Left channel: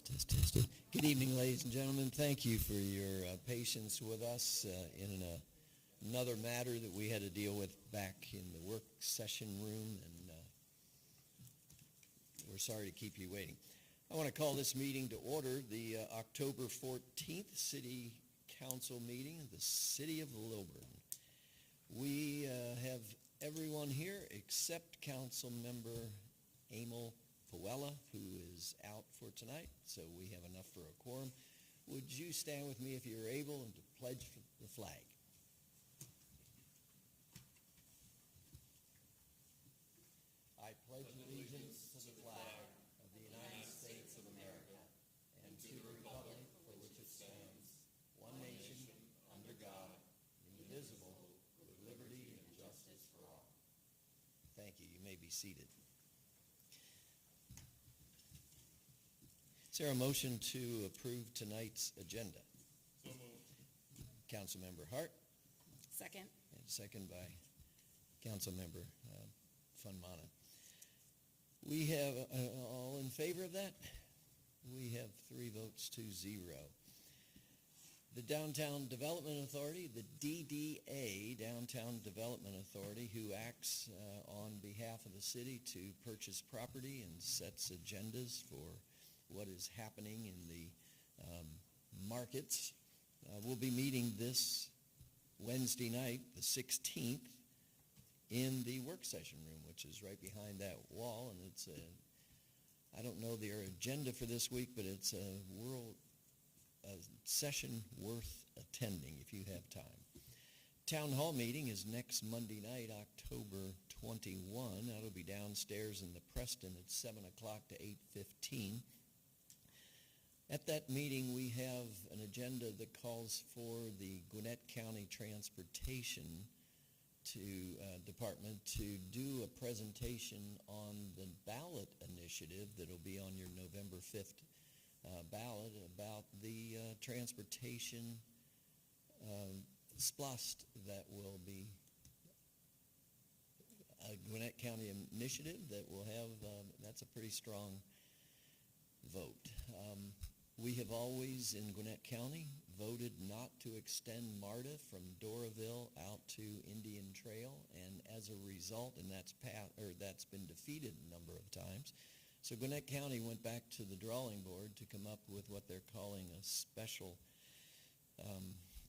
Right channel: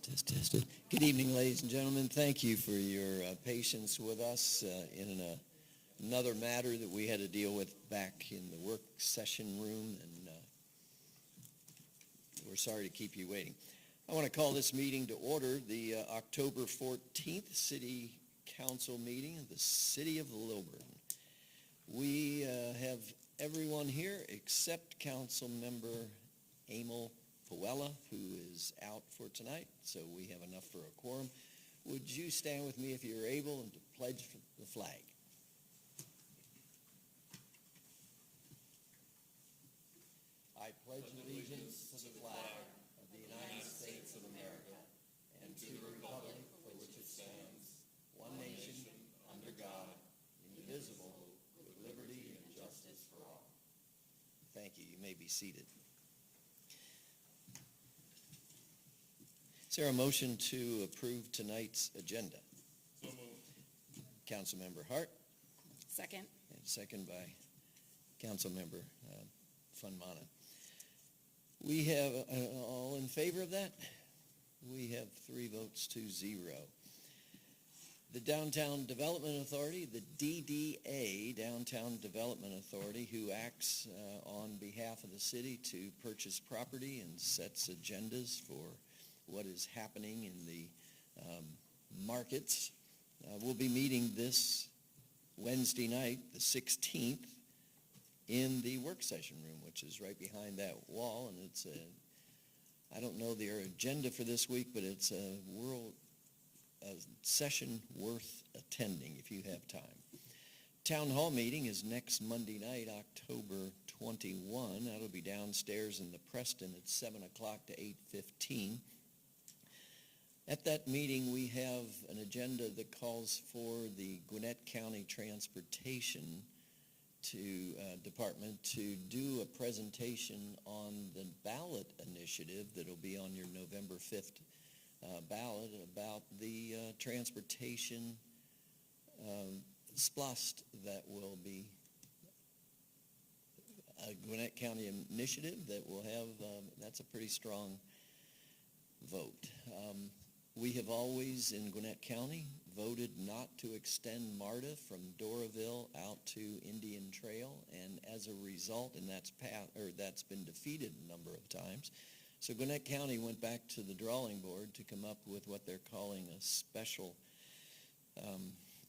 Test. Good evening, ladies and gentlemen. Thank you for your patience with us in another matter that we had to deal with back in the work session room, and we're sorry to keep you waiting. I want to call this meeting to order, the October 14th City Council meeting of the City of Lilburn. We have everyone here except Council Member Emil Puella, who is out for tonight, so we have enough for a quorum. Would you stand with me if you're able and to pledge the flag? I pledge allegiance to the flag of the United States of America and to the republic for which it stands, one nation, under God, indivisible, with liberty and justice for all. Thank you. You may be seated. Is there a motion to approve tonight's agenda? So moved. Councilmember Hart. Second. And second by Councilmember Funmana. We have, all in favor of that? We have 3 votes to 0. The Downtown Development Authority, the DDA, Downtown Development Authority, who acts on behalf of the city to purchase property and sets agendas for what is happening in the markets, will be meeting this Wednesday night, the 16th, in the work session room, which is right behind that wall. And it's I don't know their agenda for this week, but it's a session worth attending if you have time. Town hall meeting is next Monday night, October 21. That'll be downstairs in the Preston at 7 o'clock to 8:15. At that meeting, we have an agenda that calls for the Gwinnett County Transportation Department to do a presentation on the ballot initiative that'll be on your November 5th ballot about the transportation SPLOST that will be a Gwinnett County initiative that will have, that's a pretty strong vote. We have always, in Gwinnett County, voted not to extend MARTA from Doraville out to Indian Trail, and as a result, and that's been defeated a number of times. So Gwinnett County went back to the drawing board to come up with what they're calling a special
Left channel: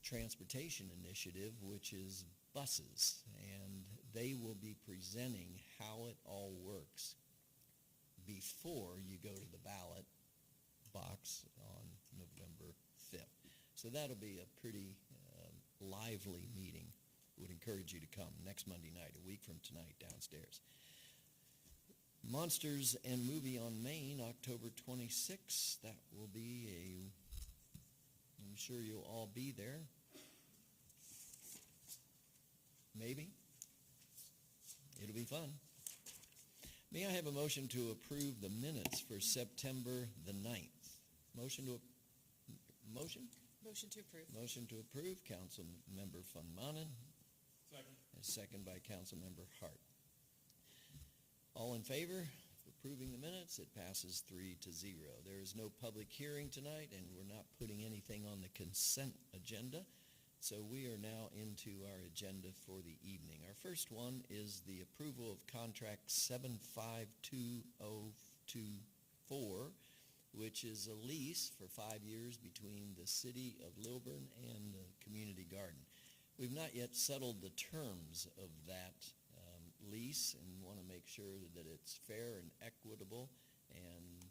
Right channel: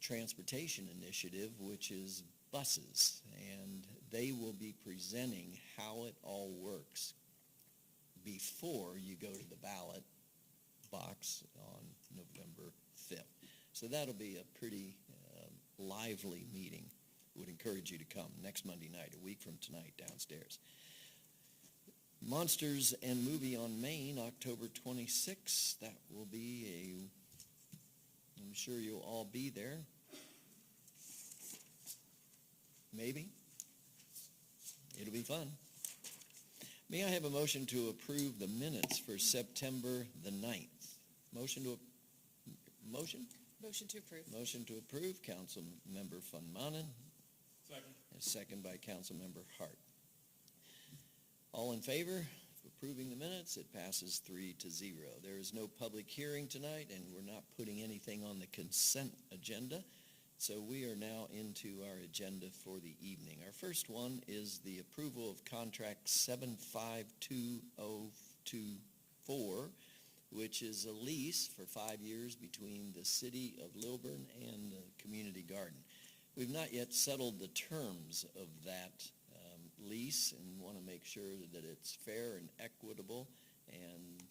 transportation initiative, which is buses, and they will be presenting how it all works before you go to the ballot box on November 5th. So that'll be a pretty lively meeting. Would encourage you to come next Monday night, a week from tonight, downstairs. Monsters and Movie on Main, October 26th. That will be I'm sure you'll all be there. Maybe. It'll be fun. May I have a motion to approve the minutes for September the 9th? Motion to approve. Motion to approve, Councilmember Funmana. Second. And second by Councilmember Hart. All in favor of approving the minutes? It passes 3-0. There is no public hearing tonight, and we're not putting anything on the consent agenda. So we are now into our agenda for the evening. Our first one is the approval of contract 752024, which is a lease for 5 years between the City of Lilburn and the Community Garden. We've not yet settled the terms of that lease and want to make sure that it's fair and equitable, and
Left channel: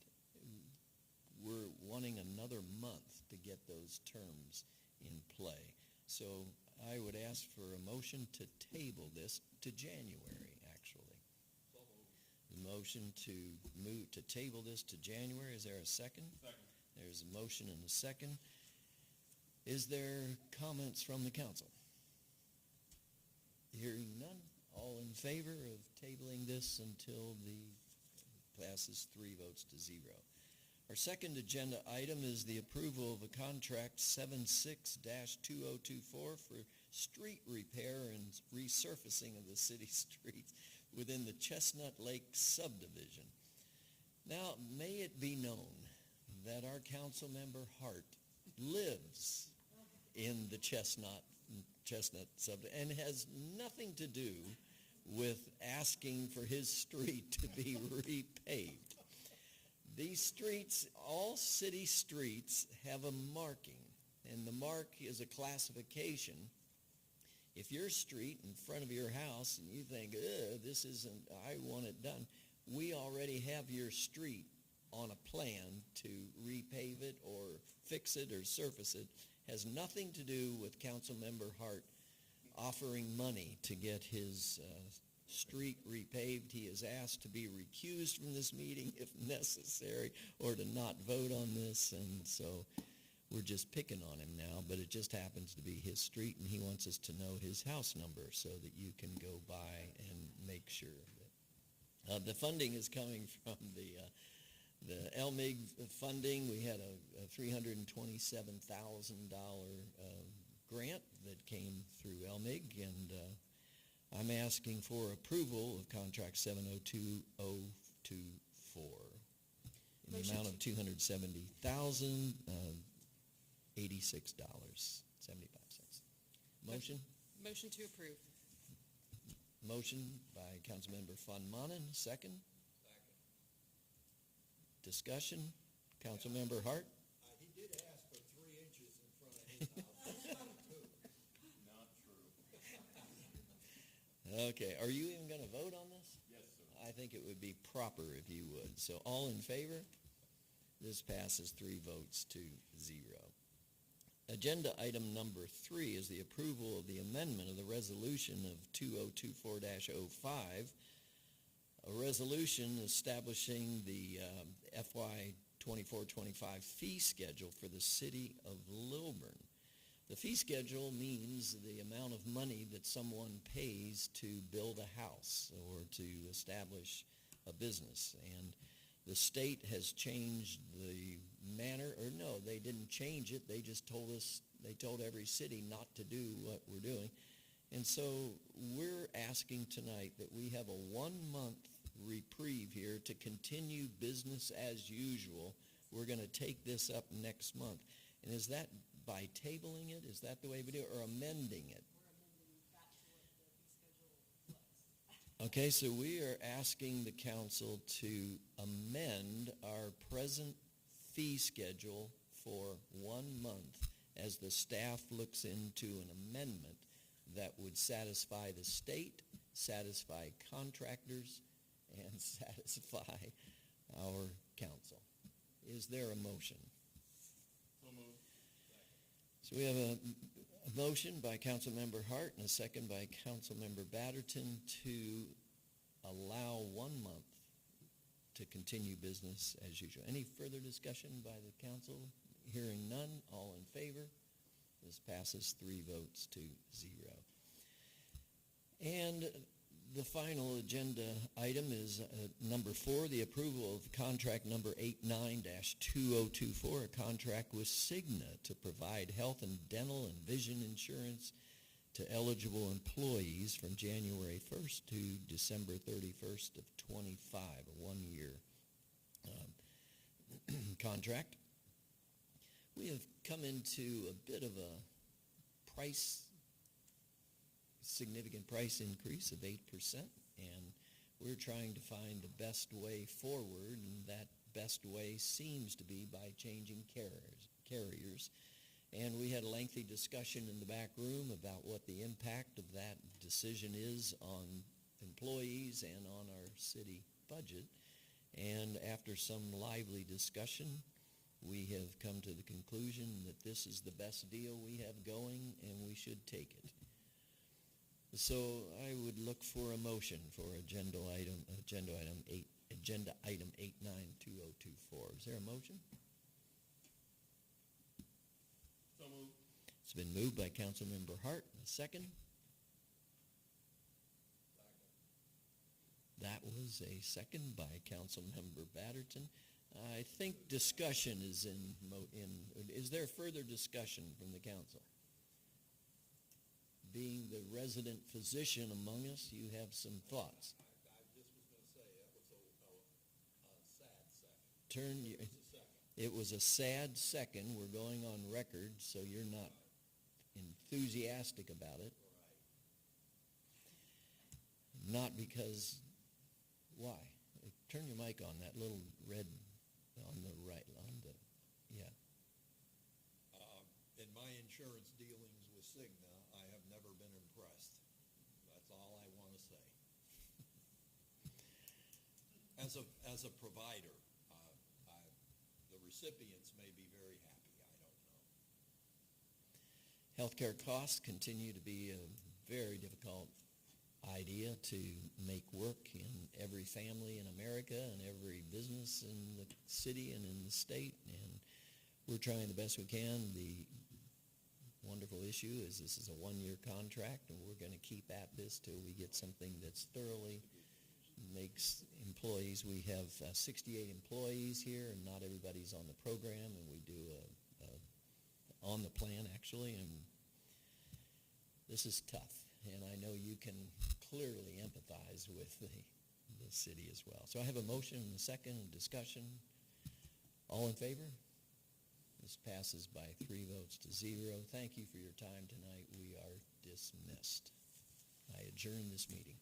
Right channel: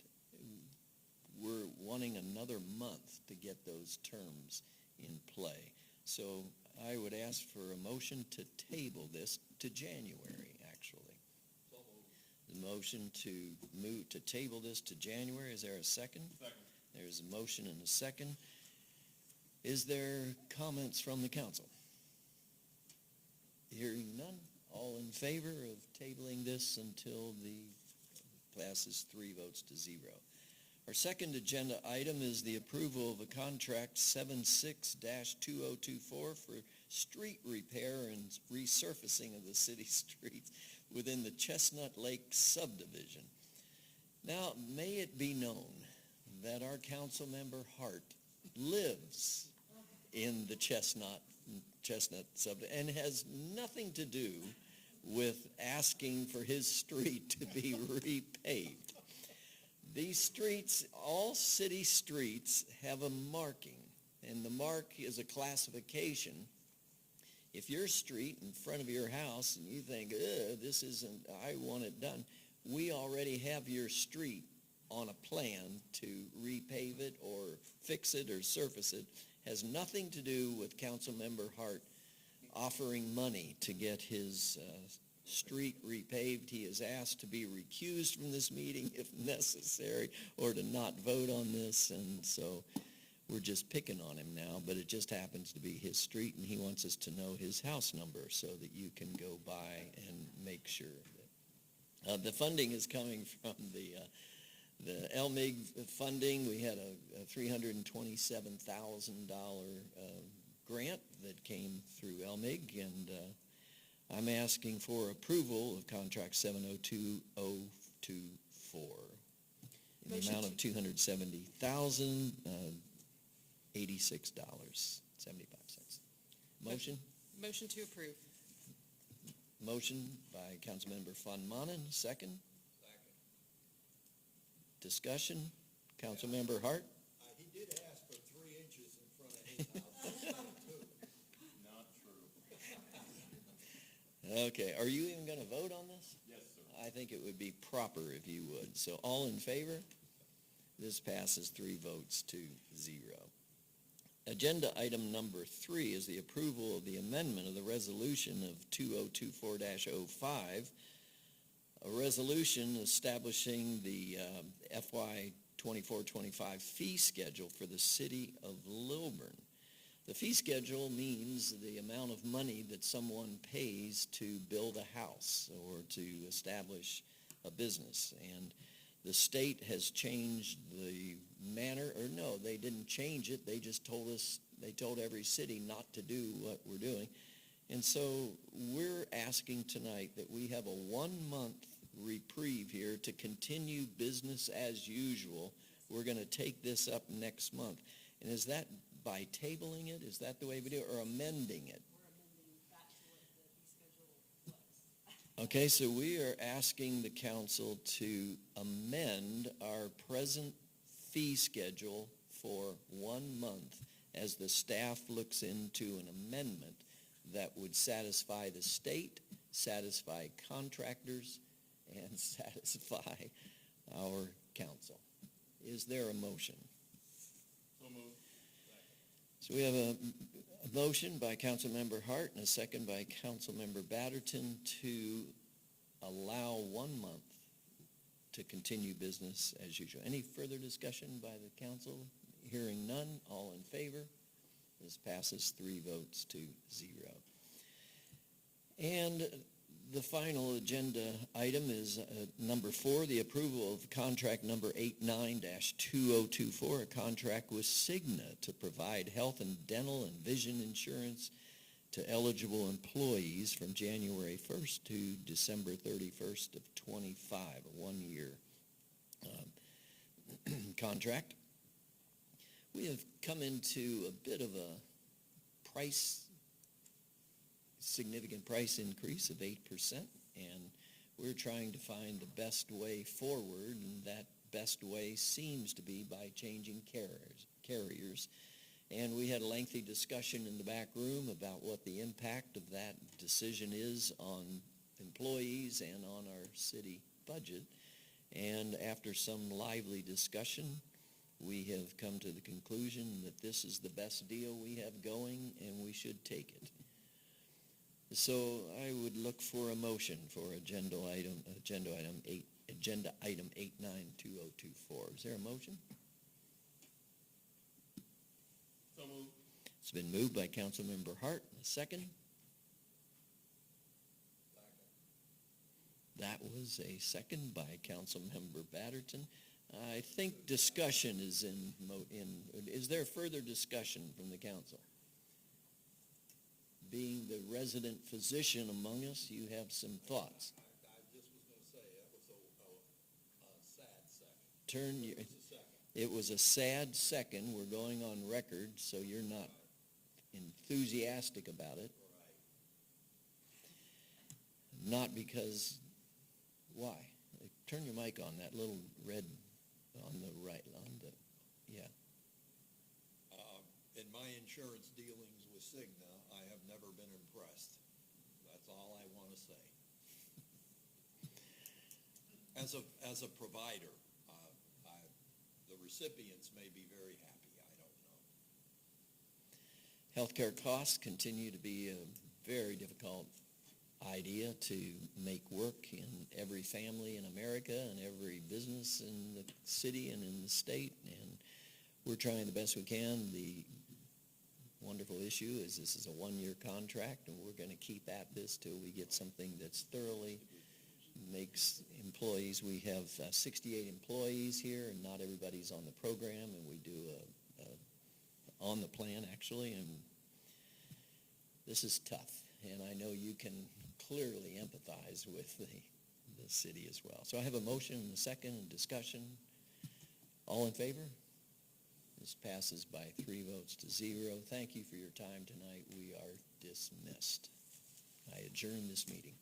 we're wanting another month to get those terms in play. So I would ask for a motion to table this to January, actually. So moved. The motion to table this to January. Is there a second? Second. There's a motion and a second. Is there comments from the council? Hearing none. All in favor of tabling this until the passes 3 votes to 0. Our second agenda item is the approval of a contract 76-2024 for street repair and resurfacing of the city streets within the Chestnut Lake subdivision. Now, may it be known that our council member Hart lives in the Chestnut subdivision and has nothing to do with asking for his street to be repaved. These streets, all city streets, have a marking, and the mark is a classification. If your street in front of your house and you think, this isn't, I want it done, we already have your street on a plan to repave it or fix it or surface it. Has nothing to do with Councilmember Hart offering money to get his street repaved. He is asked to be recused from this meeting if necessary, or to not vote on this, and so we're just picking on him now, but it just happens to be his street, and he wants us to know his house number so that you can go by and make sure that the funding is coming from the LMIG funding. We had a $327,000 grant that came through LMIG, and I'm asking for approval of contract 702024 in the amount of $270,086.75. Motion? Motion to approve. Motion by Councilmember Von Manen, second. Discussion? Councilmember Hart? He did ask for 3 inches in front of his house. Not true. Okay, are you even going to vote on this? Yes, sir. I think it would be proper if you would. So all in favor? This passes 3 votes to 0. Agenda item number 3 is the approval of the amendment of the resolution of 2024-05, a resolution establishing the FY 24-25 fee schedule for the city of Lilburn. The fee schedule means the amount of money that someone pays to build a house or to establish a business. And the state has changed the manner, or no, they didn't change it. They just told us, they told every city not to do what we're doing. And so we're asking tonight that we have a 1-month reprieve here to continue business as usual. We're going to take this up next month. And is that by tabling it? Is that the way we do it, or amending it? Okay, so we are asking the council to amend our present fee schedule for 1 month as the staff looks into an amendment that would satisfy the state, satisfy contractors, and satisfy our council. Is there a motion? So moved. So we have a motion by Councilmember Hart and a second by Councilmember Batterton to allow 1 month to continue business as usual. Any further discussion by the council? Hearing none, all in favor? This passes 3 votes to 0. And the final agenda item is number 4, the approval of contract number 89-2024, a contract with Cigna to provide health and dental and vision insurance to eligible employees from January 1st to December 31st of 25, a 1-year contract. We have come into a bit of a significant price increase of 8%, and we're trying to find the best way forward, and that best way seems to be by changing carriers. And we had a lengthy discussion in the back room about what the impact of that decision is on employees and on our city budget. And after some lively discussion, we have come to the conclusion that this is the best deal we have going, and we should take it. So I would look for a motion for agenda item 89-2024. Is there a motion? So moved. It's been moved by Councilmember Hart. A second? That was a second by Councilmember Batterton. I think discussion is is there further discussion from the council? Being the resident physician among us, you have some thoughts. I just was going to say, that was a sad second. Turn your, Just a second. It was a sad second. We're going on record, so you're not enthusiastic about it. Not because, why? Turn your mic on, that little red on the right, on the, yeah. In my insurance dealings with Cigna, I have never been impressed. That's all I want to say. As a provider, the recipients may be very happy, I don't know. Healthcare costs continue to be a very difficult idea to make work in every family in America and every business in the city and in the state, and we're trying the best we can. The wonderful issue is this is a one-year contract, and we're going to keep at this till we get something that's thoroughly makes employees. We have 68 employees here, and not everybody's on the program, and we do on the plan actually, and this is tough, and I know you can clearly empathize with the city as well. So I have a motion and a second and discussion. All in favor? This passes by 3 votes to 0. Thank you for your time tonight. We are dismissed. I adjourn this meeting.